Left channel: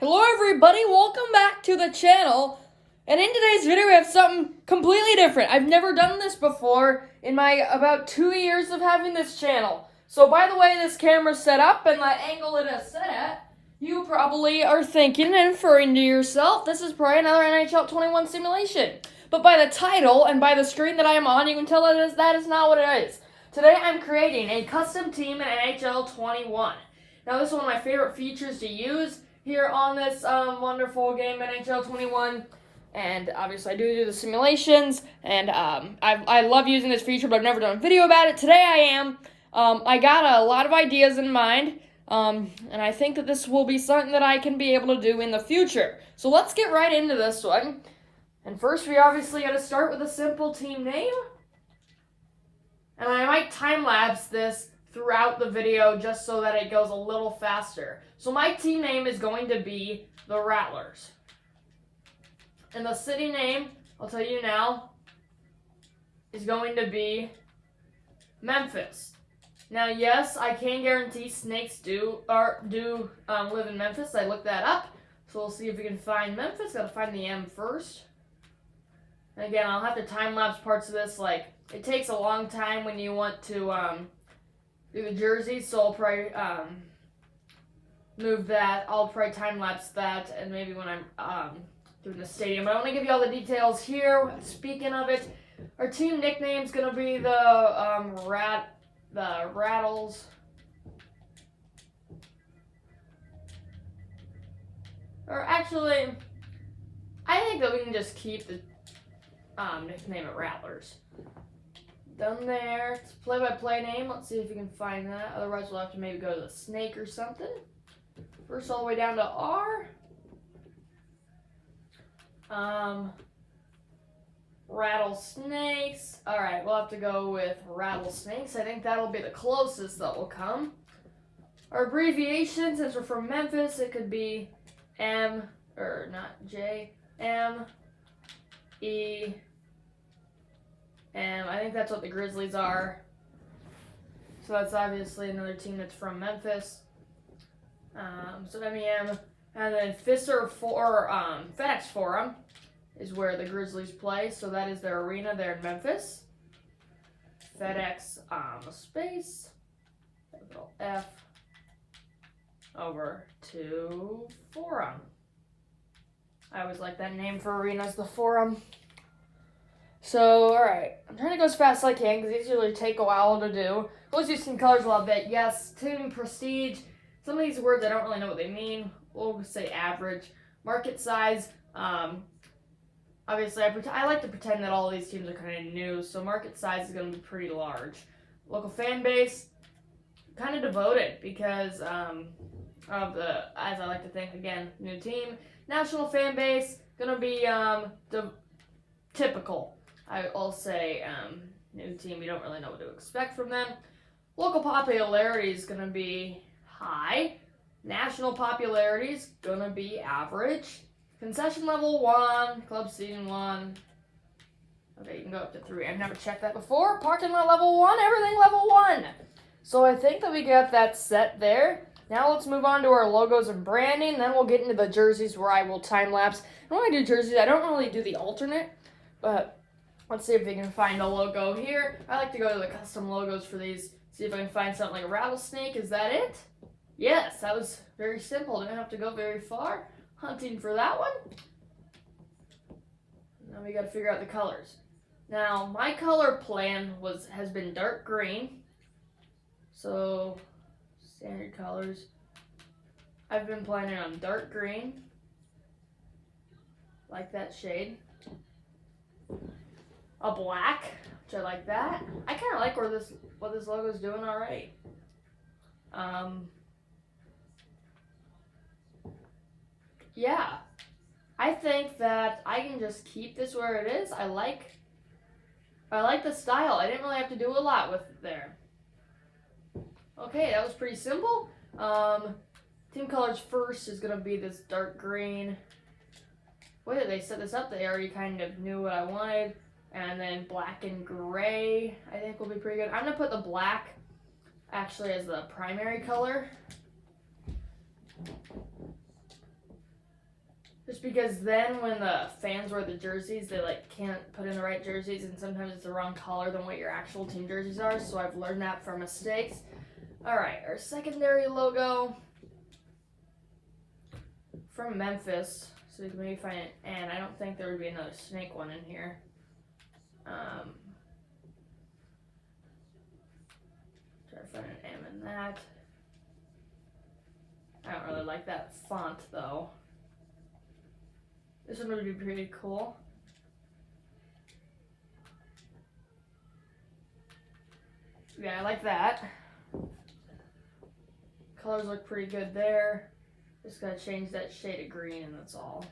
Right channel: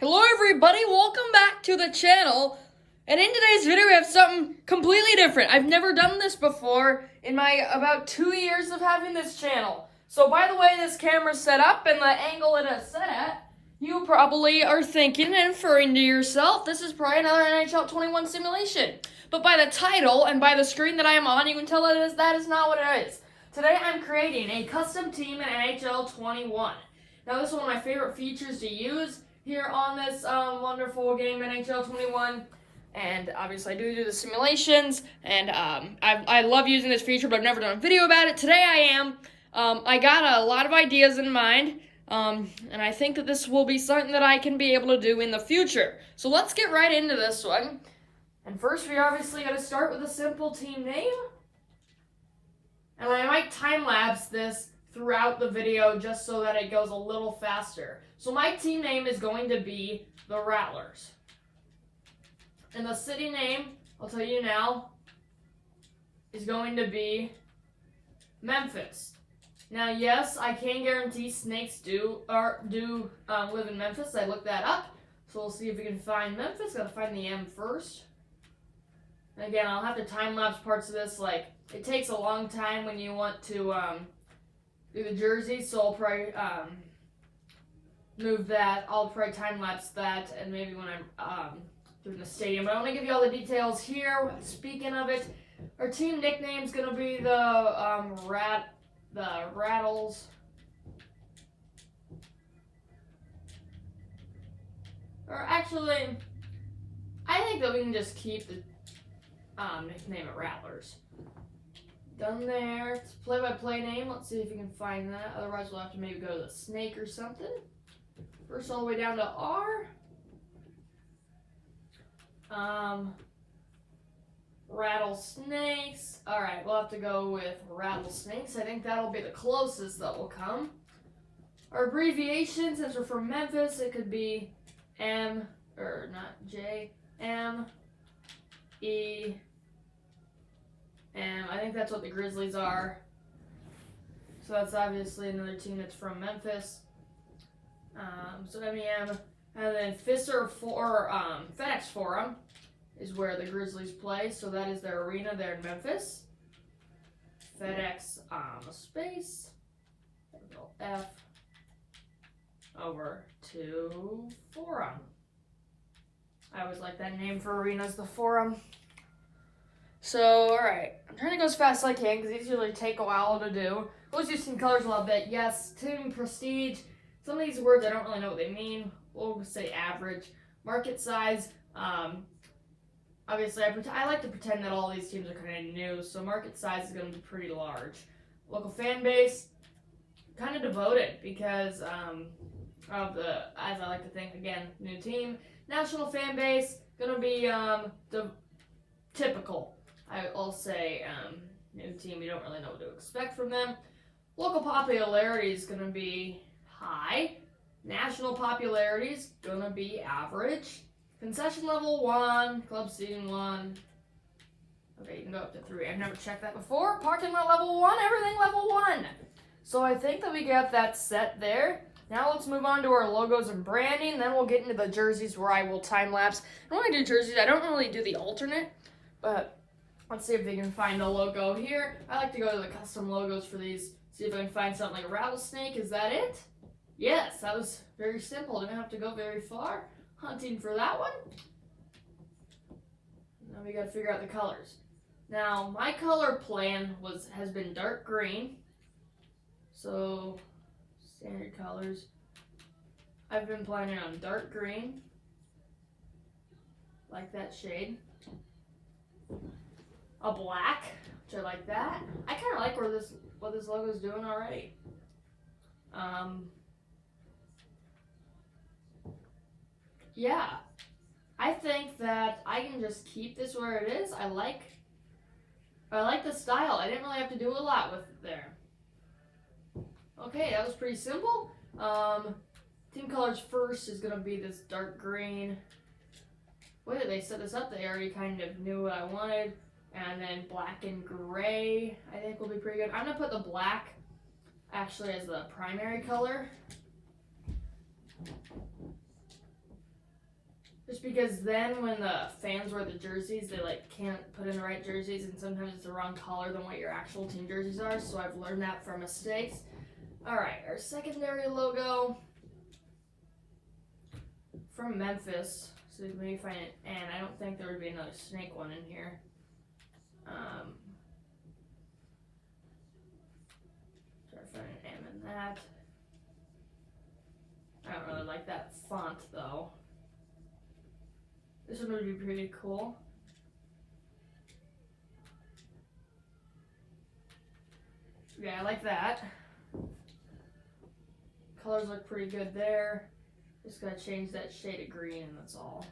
Hello everybody, welcome back to the channel. And in today's video we have something completely different. I've never done this before in my about 2 years of having this channel. So by the way this camera's set up and the angle it is set at, you probably are thinking and inferring to yourself, this is probably another NHL 21 simulation. But by the title and by the screen that I am on, you can tell that is not what it is. Today I'm creating a custom team in NHL 21. Now this is one of my favorite features to use here on this wonderful game, NHL 21, and obviously I do the simulations, and I love using this feature, but I've never done a video about it. Today I am. I got a lot of ideas in mind, and I think that this will be something that I can be able to do in the future. So let's get right into this one. And first we obviously got to start with a simple team name, and I might time-lapse this throughout the video just so that it goes a little faster. So my team name is going to be the Rattlers. And the city name, I'll tell you now, is going to be Memphis. Now yes, I can guarantee snakes do live in Memphis. I looked that up. So we'll see if we can find Memphis. Gotta find the M first. And again, I'll have to time-lapse parts of this. Like, it takes a long time when you want to do the jerseys, so I'll probably move that. I'll probably time-lapse that, and maybe when I'm doing the stadium. But I want to give you all the details here. Speaking of it, our team nickname is going to be the Rattles. Or actually, I think that we can just keep the nickname it Rattlers. Done there. It's play-by-play name. Let's see if you can find that. Otherwise, we'll have to maybe go to the snake or something. First, all the way down to R. Rattlesnakes. Alright, we'll have to go with rattlesnakes. I think that'll be the closest that will come. Our abbreviation, since we're from Memphis, it could be M, or not J, M, E, and I think that's what the Grizzlies are. So that's obviously another team that's from Memphis. So MEM. And then FedEx Forum is where the Grizzlies play. So that is their arena there in Memphis. FedEx space. Little F over to Forum. I always like that name for arenas, the Forum. So, alright, I'm trying to go as fast as I can because these usually take a while to do. We'll use some colors a little bit. Yes, team prestige. Some of these words I don't really know what they mean. We'll say average. Market size. Obviously, I like to pretend that all these teams are kind of new, so market size is going to be pretty large. Local fan base, kind of devoted because of the, as I like to think, again, new team. National fan base, going to be typical. I'll say new team, you don't really know what to expect from them. Local popularity is going to be high. National popularity is going to be average. Concession level 1, club seating 1. Okay, you can go up to 3. I've never checked that before. Parking lot level 1, everything level 1. So I think that we got that set there. Now let's move on to our logos and branding. Then we'll get into the jerseys where I will time-lapse. And when I do jerseys, I don't really do the alternate, but let's see if we can find a logo here. I like to go to the custom logos for these. See if I can find something like a rattlesnake. Is that it? Yes, that was very simple. Didn't have to go very far hunting for that one. Now we got to figure out the colors. Now my color plan has been dark green. So standard colors. I've been planning on dark green. Like that shade. A black, which I like that. I kind of like what this logo is doing already. Yeah, I think that I can just keep this where it is. I like the style. I didn't really have to do a lot with it there. Okay, that was pretty simple. Team colors first is gonna be this dark green. Way that they set this up, they already kind of knew what I wanted. And then black and gray, I think will be pretty good. I'm gonna put the black actually as the primary color. Just because then when the fans wear the jerseys, they like can't put in the right jerseys, and sometimes it's the wrong color than what your actual team jerseys are. So I've learned that from mistakes. All right, our secondary logo from Memphis. So let me find it. And I don't think there would be another snake one in here. Try to find an M in that. I don't really like that font though. This one would be pretty cool. Yeah, I like that. Colors look pretty good there. Just gotta change that shade of green and that's all.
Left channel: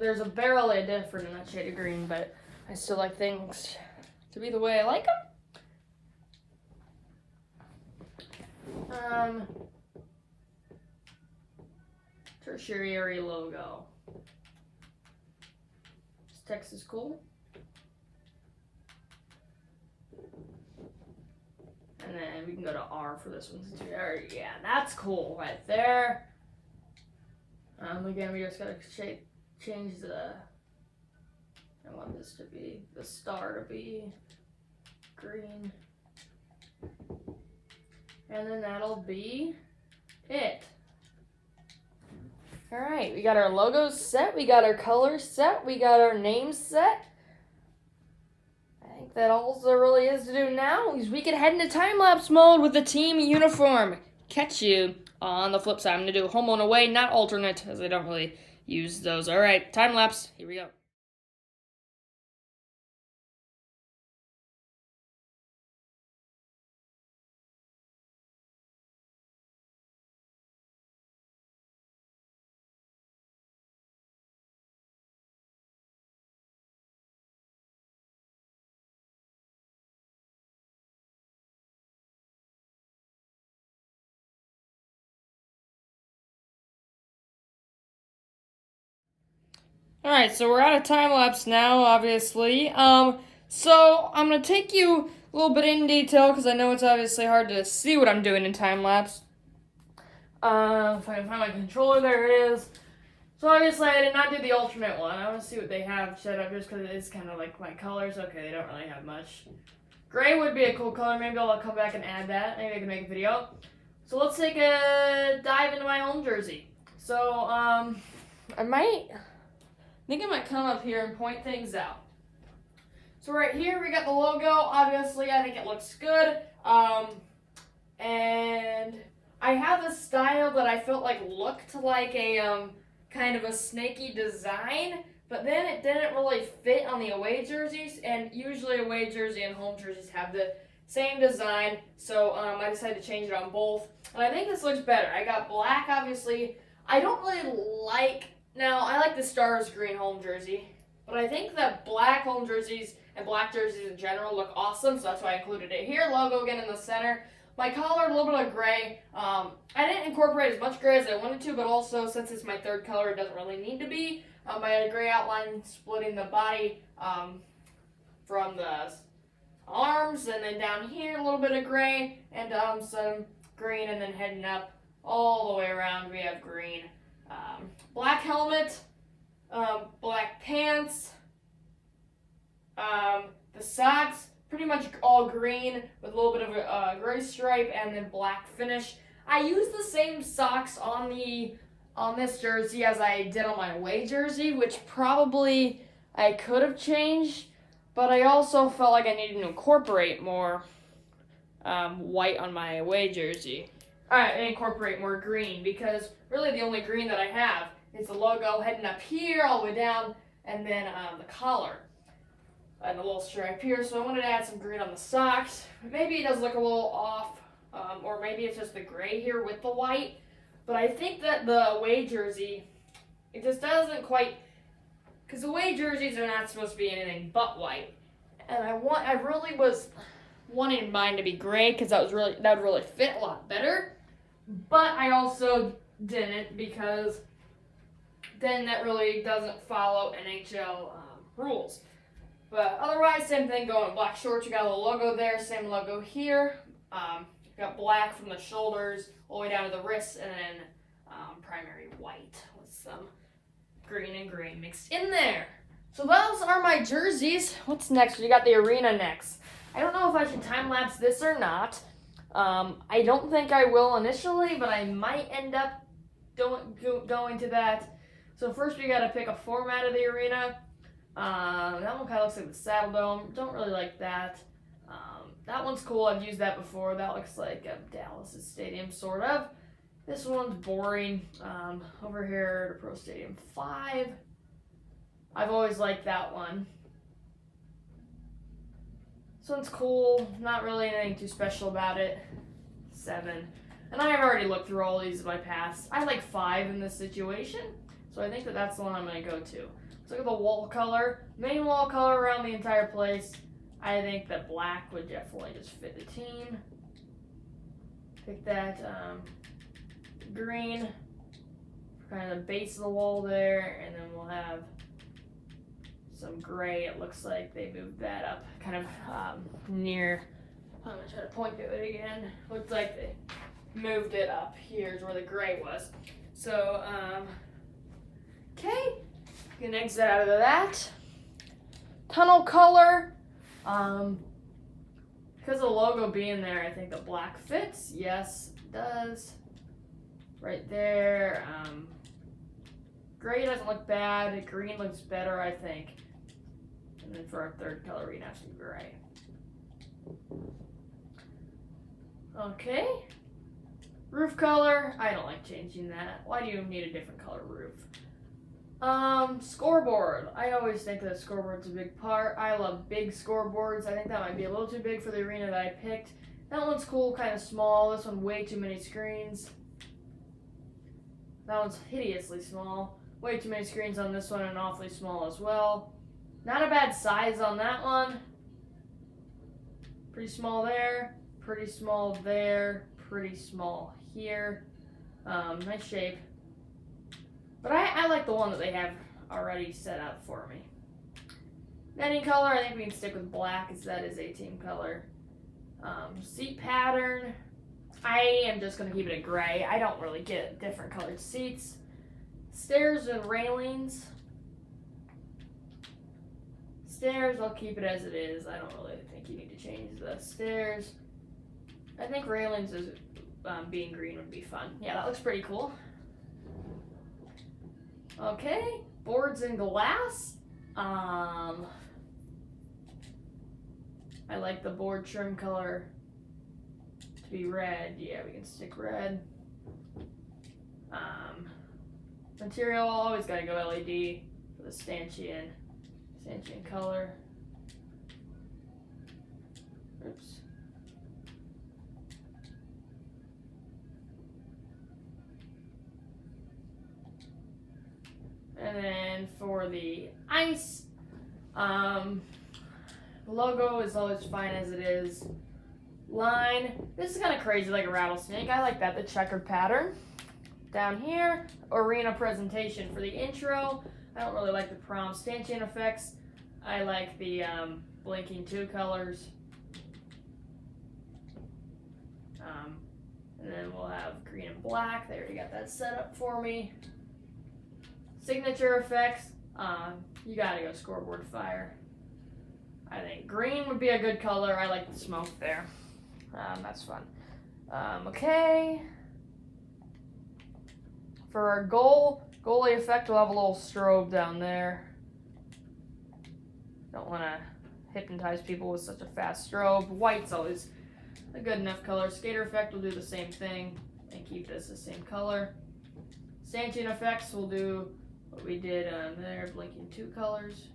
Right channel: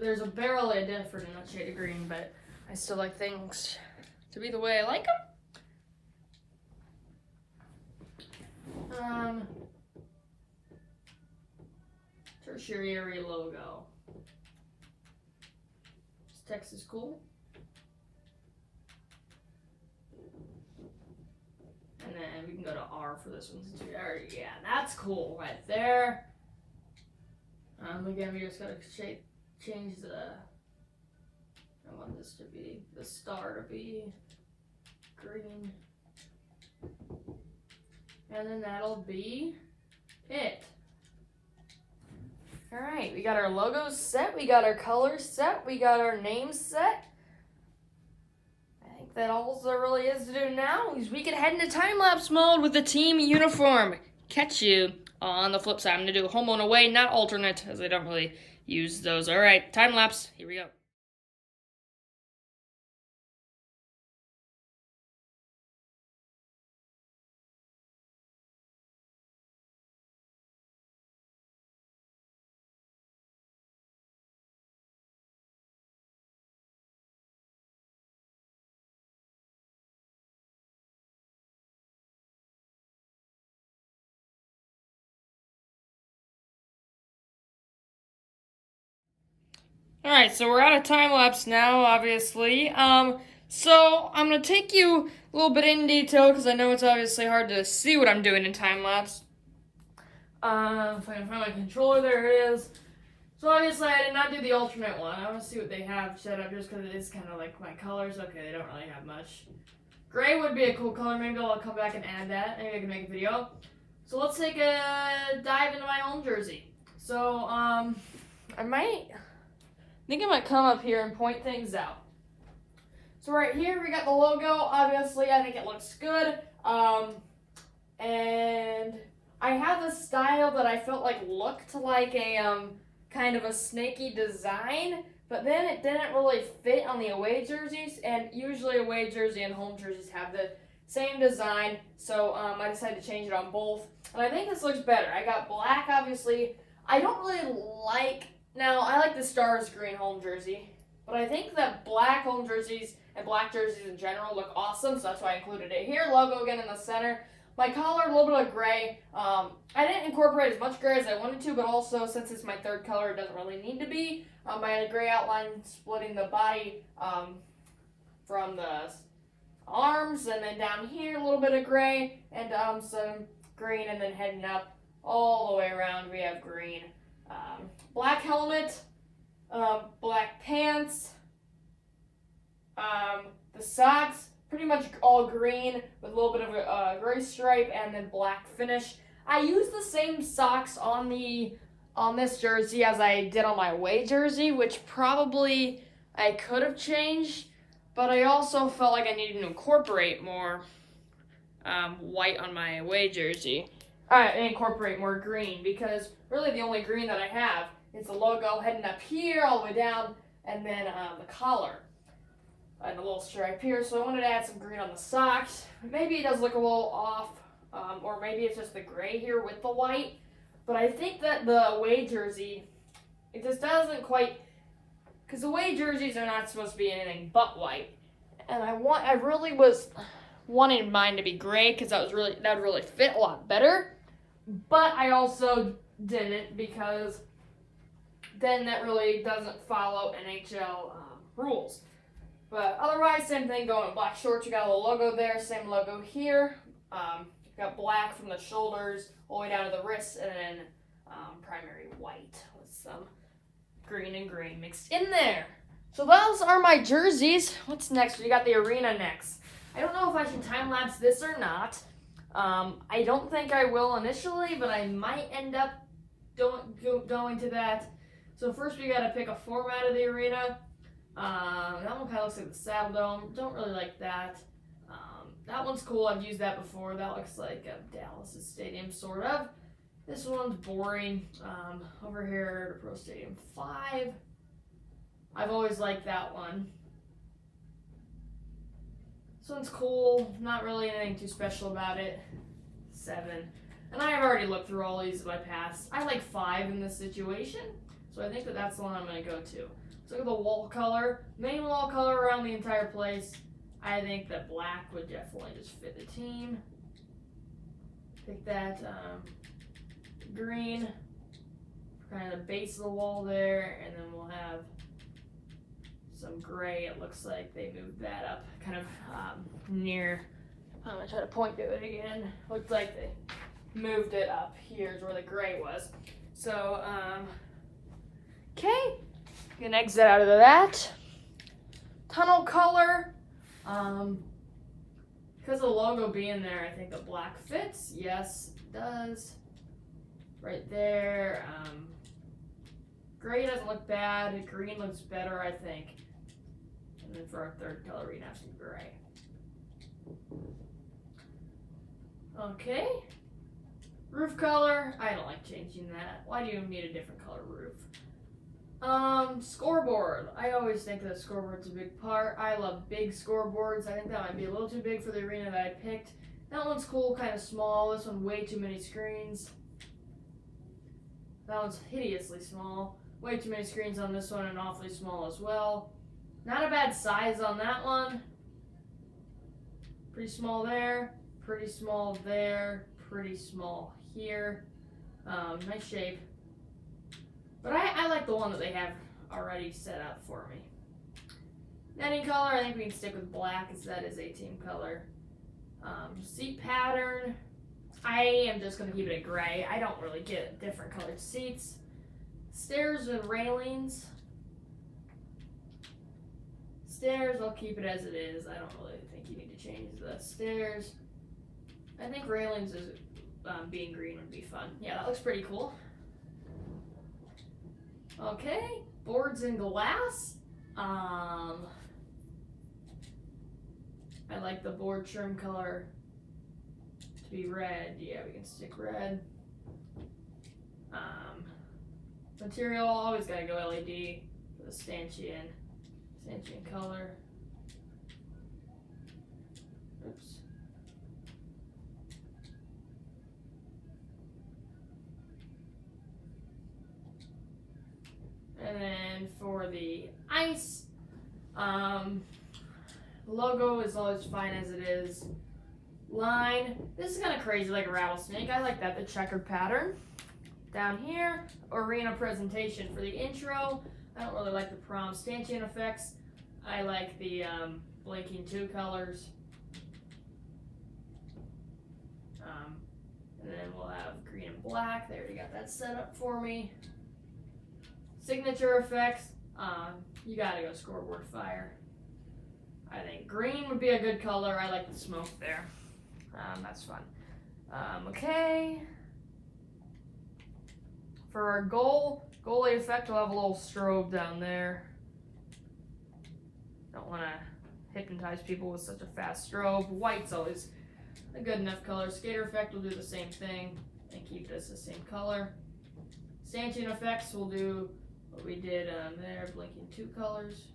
There's a barely a difference in that shade of green, but I still like things to be the way I like them. Tertiary logo. Is Texas cool? And then we can go to R for this one. Yeah, that's cool right there. Again, we just gotta change the. I want this to be the star to be green, and then that'll be it. All right, we got our logos set, we got our colors set, we got our names set. I think that all there really is to do now is we can head into time-lapse mode with the team uniform. Catch you on the flip side. I'm going to do home and away, not alternate, as I don't really use those. All right, time-lapse, here we go. All right, so we're out of time lapse now, obviously. So I'm gonna take you a little bit in detail because I know it's obviously hard to see what I'm doing in time lapse. If I can find my controller, there it is. So obviously I did not do the alternate one. I want to see what they have set up just because it is kind of like my colors. Okay, they don't really have much. Gray would be a cool color. Maybe I'll come back and add that. Maybe I can make a video. So let's take a dive into my home jersey. So I think I might come up here and point things out. So right here we got the logo. Obviously, I think it looks good. And I have a style that I felt like looked like a kind of a snaky design, but then it didn't really fit on the away jerseys. And usually away jersey and home jerseys have the same design. So I decided to change it on both. And I think this looks better. I got black, obviously. I don't really like. Now, I like the Stars green home jersey, but I think that black home jerseys and black jerseys in general look awesome, so that's why I included it here. Logo again in the center. My color, a little bit of gray. I didn't incorporate as much gray as I wanted to, but also since it's my third color, it doesn't really need to be. I had a gray outline splitting the body from the arms, and then down here a little bit of gray, and some green, and then heading up all the way around we have green. Black helmet, black pants, the socks, pretty much all green with a little bit of a gray stripe and then black finish. I used the same socks on this jersey as I did on my away jersey, which probably I could have changed, but I also felt like I needed to incorporate more white on my away jersey. And incorporate more green, because really the only green that I have is the logo heading up here all the way down, and then the collar and a little stripe here. So I wanted to add some green on the socks. Maybe it does look a little off, or maybe it's just the gray here with the white. But I think that the away jersey, it just doesn't quite, because away jerseys are not supposed to be anything but white. And I really was wanting mine to be gray because that would really fit a lot better. But I also didn't, because then that really doesn't follow NHL rules. But otherwise, same thing going with black shorts. You got a little logo there, same logo here. Got black from the shoulders all the way down to the wrists, and then primary white with some green and green mixed in there. So those are my jerseys. What's next? We got the arena next. I don't know if I should time-lapse this or not. I don't think I will initially, but I might end up going to that. So first we got to pick a format of the arena. That one kind of looks like the Saddle Dome. Don't really like that. That one's cool. I've used that before. That looks like Dallas' stadium, sort of. This one's boring. Over here to Pro Stadium 5. I've always liked that one. This one's cool. Not really anything too special about it. 7. And I've already looked through all these in my past. I like 5 in this situation. So I think that's the one I'm going to go to. Let's look at the wall color. Main wall color around the entire place. I think that black would definitely just fit the team. Pick that green for kind of the base of the wall there, and then we'll have some gray. It looks like they moved that up kind of near. I'm going to try to point to it again. Looks like they moved it up. Here's where the gray was. So, okay. You can exit out of that. Tunnel color. Because of the logo being there, I think the black fits. Yes, it does. Right there. Gray doesn't look bad. Green looks better, I think. And then for our third color, we'd have some gray. Okay. Roof color. I don't like changing that. Why do you need a different color roof? Scoreboard. I always think that scoreboard's a big part. I love big scoreboards. I think that might be a little too big for the arena that I picked. That one's cool, kind of small. This one, way too many screens. That one's hideously small. Way too many screens on this one and awfully small as well. Not a bad size on that one. Pretty small there. Pretty small there. Pretty small here. Nice shape. But I like the one that they have already set up for me. Netting color, I think we can stick with black as that is a team color. Seat pattern, I am just going to keep it a gray. I don't really get different colored seats. Stairs and railings. Stairs, I'll keep it as it is. I don't really think you need to change the stairs. I think railings is being green would be fun. Yeah, that looks pretty cool. Okay, boards and glass. I like the board trim color to be red. Yeah, we can stick red. Material, always gotta go LED for the stanchion color. Oops. And then for the ice, logo is always fine as it is. Line, this is kind of crazy, like a rattlesnake. I like that, the checkered pattern. Down here, arena presentation for the intro. I don't really like the prom stanchion effects. I like the blinking 2 colors. And then we'll have green and black. They already got that set up for me. Signature effects, you gotta go scoreboard fire. I think green would be a good color. I like the smoke there. That's fun. Okay. For our goalie effect, we'll have a little strobe down there. Don't want to hypnotize people with such a fast strobe. White's always a good enough color. Skater effect will do the same thing and keep this the same color. Stanchion effects will do what we did there, blinking 2 colors.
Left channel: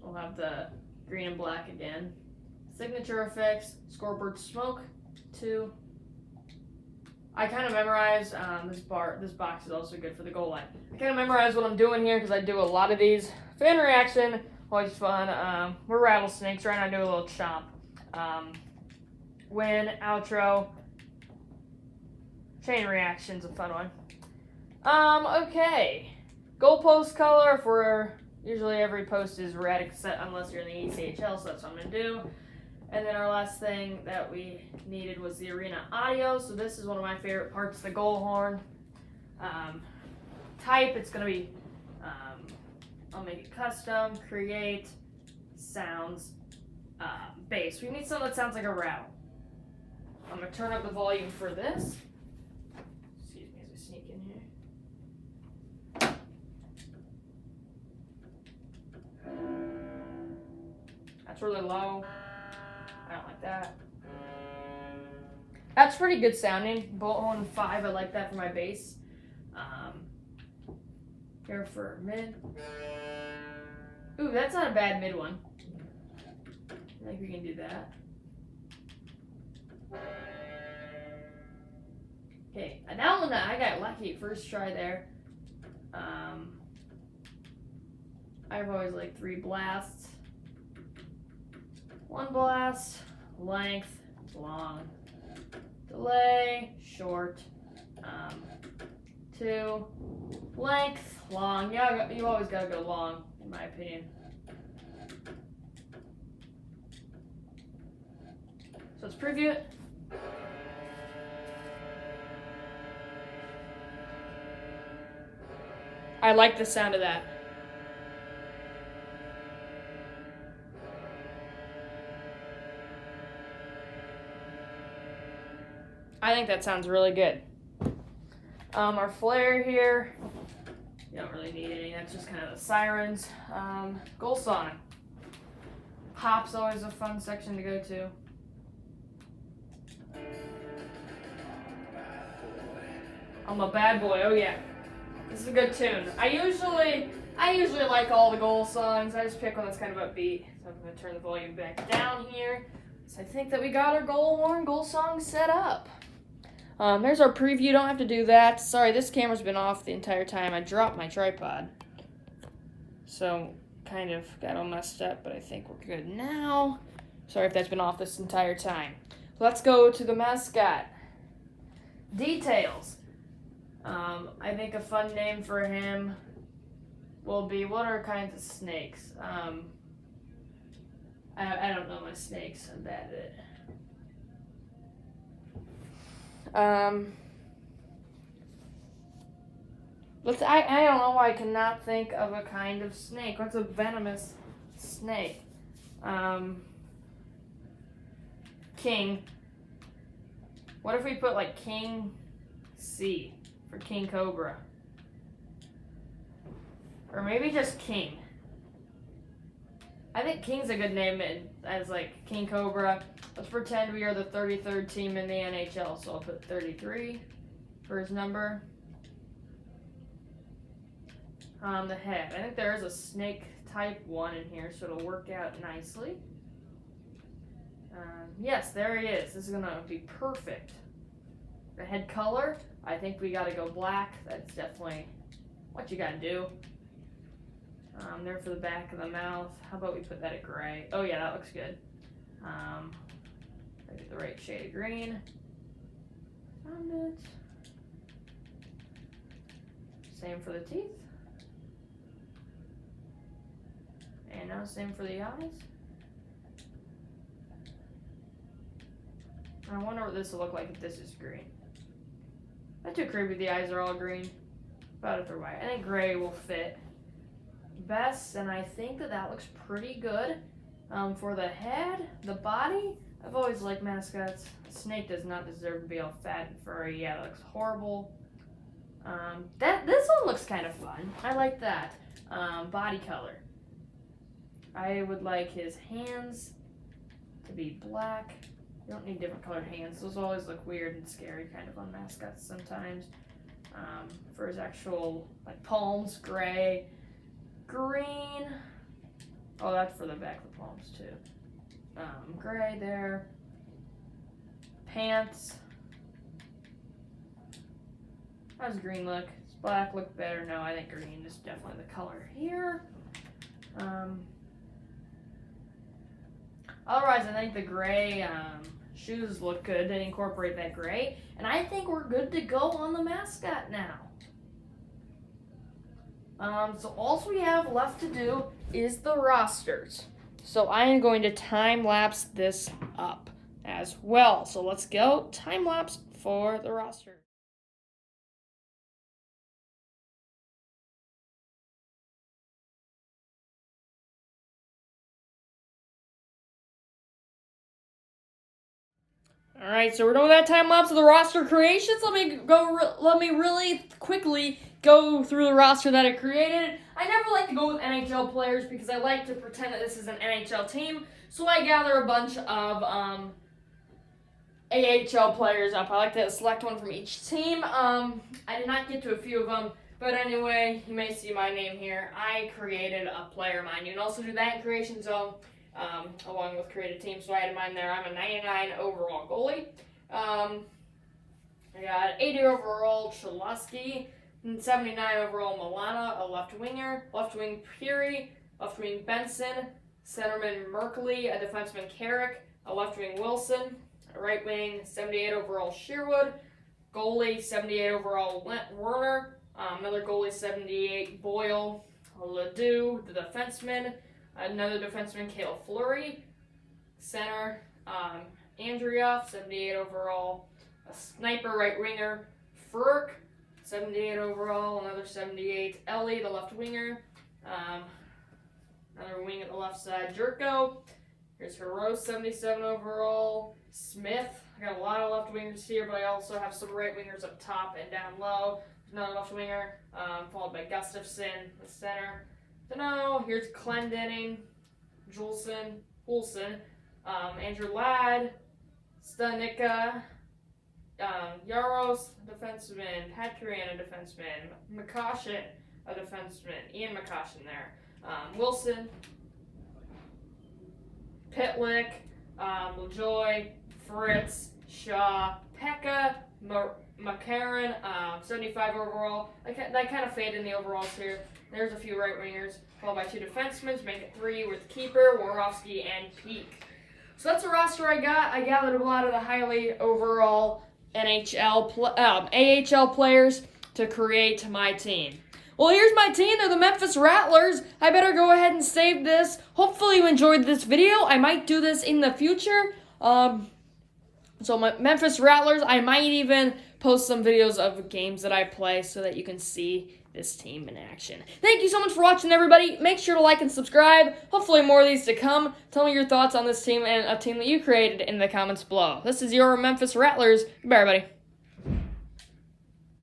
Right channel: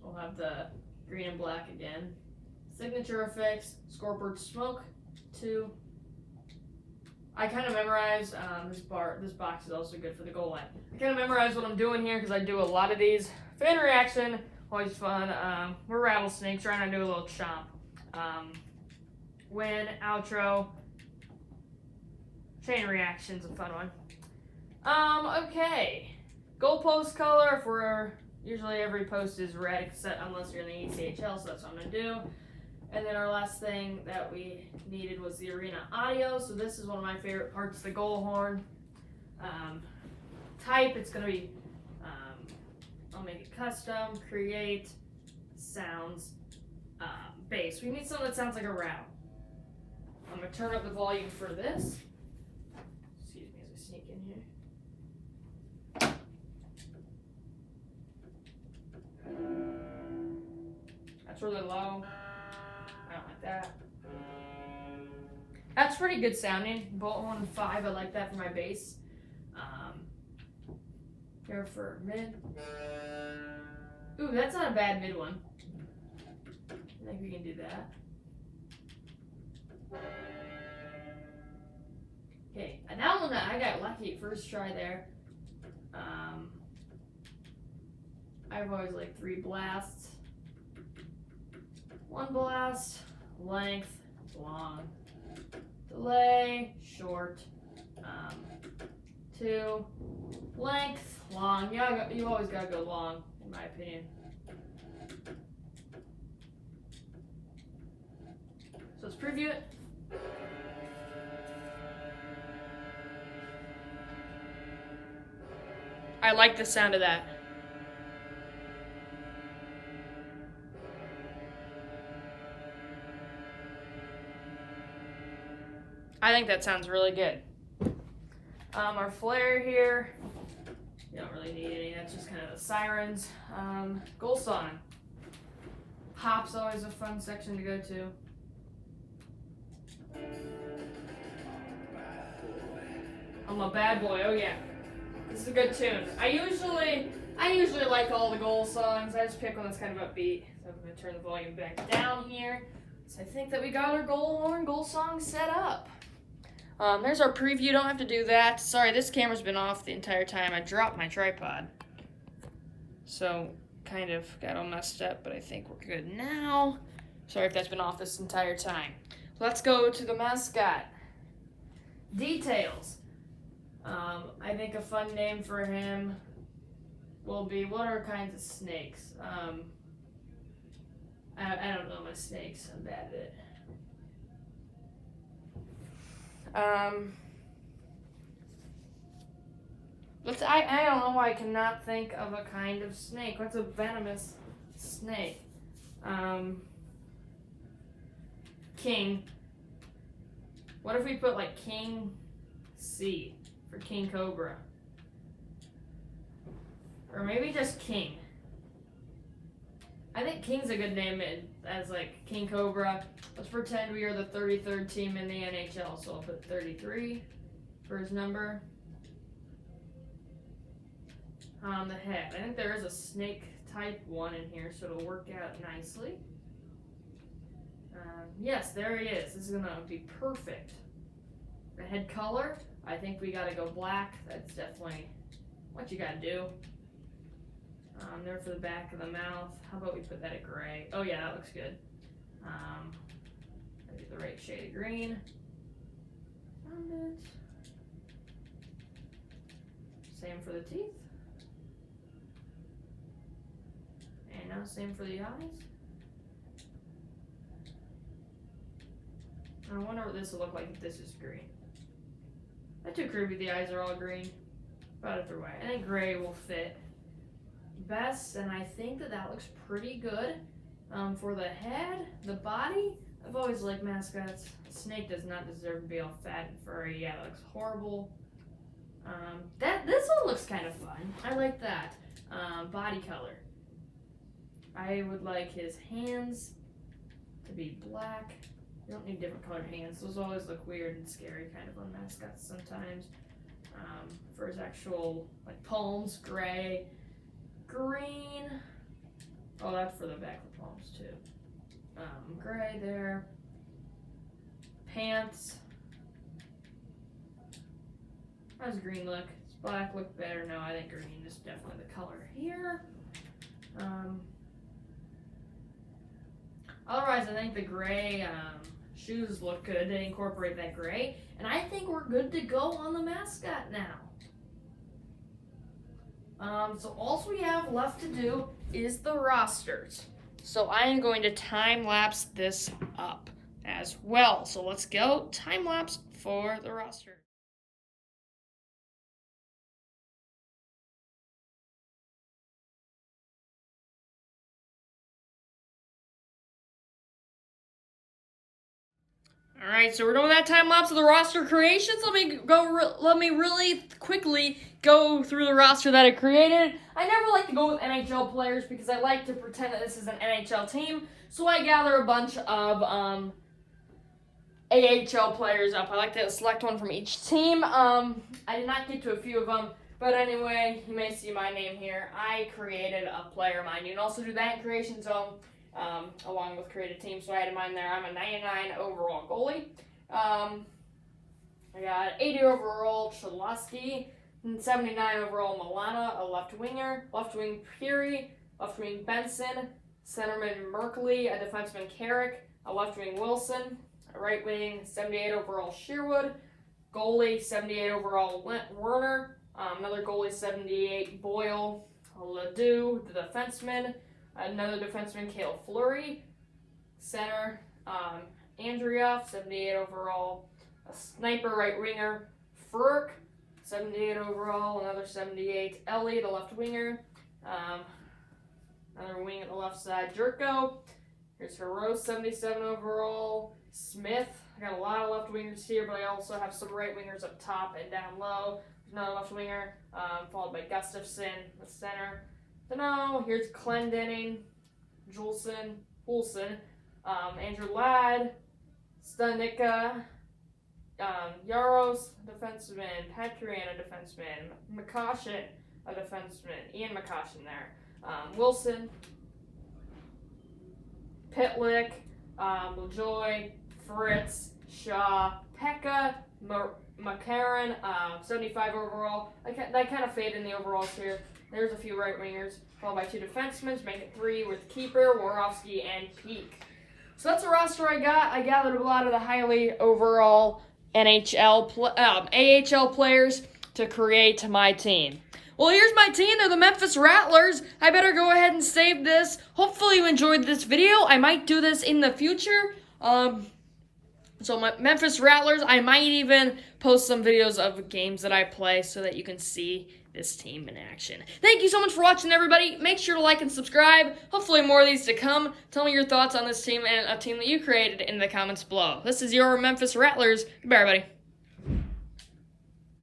We'll have the green and black again. Signature effects, scoreboard smoke 2. I kind of memorized, this box is also good for the goal line. I kind of memorized what I'm doing here because I do a lot of these. Fan reaction, always fun. We're rattlesnakes, right now do a little chomp. Win, outro, chain reaction's a fun one. Okay. Goalpost color for usually every post is red except unless you're in the ECHL, so that's what I'm gonna do. And then our last thing that we needed was the arena audio. So this is one of my favorite parts, the goal horn. Type, it's going to be, I'll make it custom, create, sounds, bass. We need something that sounds like a rattle. I'm going to turn up the volume for this. Excuse me as I sneak in here. That's really low. I don't like that. That's pretty good sounding. Bone 5, I like that for my bass. Here for mid. Ooh, that's not a bad mid one. I think we can do that. Okay, and that one I got lucky first try there. I've always liked 3 blasts. 1 blast, length, long, delay, short, 2, length, long. Yeah, you always gotta go long, in my opinion. So let's preview it. I like the sound of that. I think that sounds really good. Our flare here, you don't really need any, that's just kind of the sirens. Goal song. Pop's always a fun section to go to. I'm a bad boy, oh yeah. This is a good tune. I usually like all the goal songs. I just pick one that's kind of upbeat. So I'm gonna turn the volume back down here. So I think that we got our goal horn, goal song set up. There's our preview. Don't have to do that. Sorry, this camera's been off the entire time. I dropped my tripod. So, kind of got all messed up, but I think we're good now. Sorry if that's been off this entire time. Let's go to the mascot. Details. I think a fun name for him will be, what are kinds of snakes? I don't know my snakes. I'm bad at it. I don't know why I cannot think of a kind of snake. What's a venomous snake? King. What if we put like King C for King Cobra? Or maybe just King. I think King's a good name as like King Cobra. Let's pretend we are the 33rd team in the NHL, so I'll put 33 for his number. The head. I think there is a snake type 1 in here, so it'll work out nicely. Yes, there he is. This is going to be perfect. The head color, I think we got to go black. That's definitely what you got to do. There for the back of the mouth. How about we put that at gray? Oh yeah, that looks good. Maybe the right shade of green. Found it. Same for the teeth. And now same for the eyes. I wonder what this will look like if this is green. Not too creepy, the eyes are all green. About if they're white. I think gray will fit best, and I think that looks pretty good. For the head, the body, I've always liked mascots. Snake does not deserve to be all fat and furry. Yeah, that looks horrible. This one looks kind of fun. I like that. Body color. I would like his hands to be black. You don't need different colored hands. Those always look weird and scary kind of on mascots sometimes. For his actual like palms, gray. Green. Oh, that's for the back of the palms too. Gray there. Pants. How does green look? Does black look better? No, I think green is definitely the color here. Otherwise, I think the gray shoes look good. They incorporate that gray. And I think we're good to go on the mascot now. So all we have left to do is the rosters. So I am going to time-lapse this up as well. So let's go time-lapse for the roster. All right, so we're doing that time lapse of the roster creations. Let me really quickly go through the roster that I created. I never like to go with NHL players because I like to pretend that this is an NHL team. So I gather a bunch of AHL players up. I like to select one from each team. I did not get to a few of them, but anyway, you may see my name here. I created a player of mine. You can also do that in Creation Zone. Along with creative team, so I had mine there. I'm a 99 overall goalie. I got 80 overall Cholowski, 79 overall Milana, a left winger, left wing Peary, left wing Benson, centerman Merkley, a defenseman Carrick, a left wing Wilson, a right wing 78 overall Sherwood, goalie 78 overall Werner, another goalie 78 Boyle, Ledoux, the defenseman. Another defenseman, Cale Fleury. Center, Andrea, 78 overall. A sniper right winger, Furk, 78 overall. Another 78, Ellie, the left winger. Another wing at the left side, Jerko. Here's Hero, 77 overall. Smith. I got a lot of left wingers here, but I also have some right wingers up top and down low. There's another left winger, followed by Gustafson, the center. No, here's Clendenning, Julson, Andrew Ladd, Stanika, Yaros, defenseman, Patkiran, a defenseman, McCoshin, a defenseman, Ian McCoshin there, Wilson, Pitlick, LaJoy, Fritz, Shaw, Pekka, McCarron, 75 overall. They kind of fade in the overalls here. There's a few right wingers, followed by two defensemen to make it three with keeper, Worofsky, and Peak. So that's the roster I got. I gathered a lot of the highly overall AHL players to create my team. Well, here's my team. They're the Memphis Rattlers. I better go ahead and save this. Hopefully you enjoyed this video. I might do this in the future. So my Memphis Rattlers, I might even post some videos of games that I play so that you can see this team in action. Thank you so much for watching, everybody. Make sure to like and subscribe. Hopefully more of these to come. Tell me your thoughts on this team and a team that you created in the comments below. This is your Memphis Rattlers. Goodbye, everybody.